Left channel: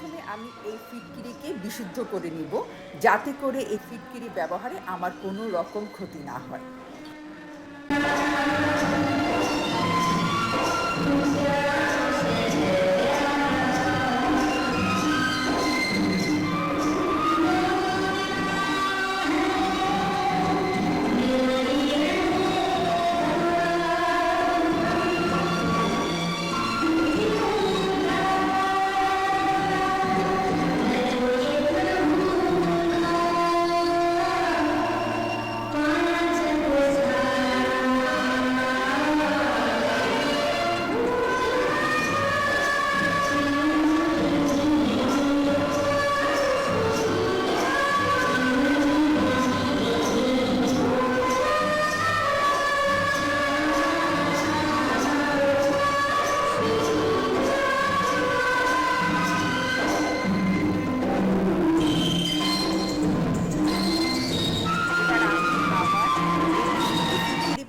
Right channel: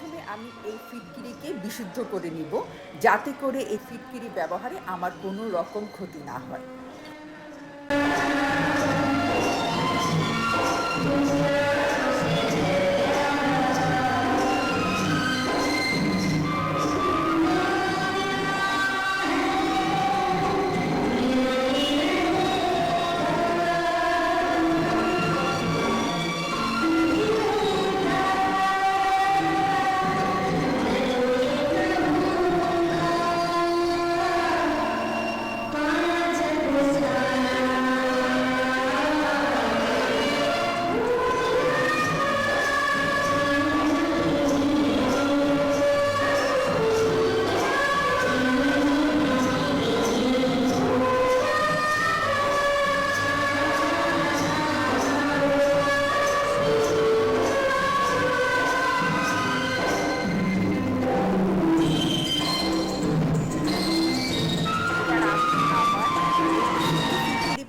প্রথমে আমি এই ফিটকিরিকে বিশুদ্ধ করে নিব, যাতে করে এই ফিটকিরি ব্যবহারে আমার কোনো রকম ক্ষতি না হয়।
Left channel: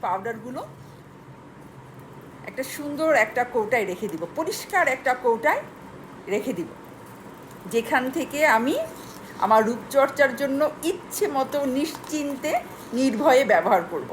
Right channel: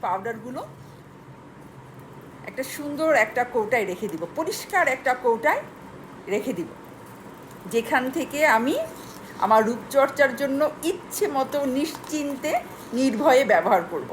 পাউডারগুলো একটা সুন্দর একটা কৌটায় রেখে দিব, পরিষ্কার একটা কৌটায় রেখে দিব, যেখান থেকে আমি আমার রূপচর্চার জন্য ইচ্ছে মতো নিশ্চিন্তে নির্ভয়ে ব্যবহার করব।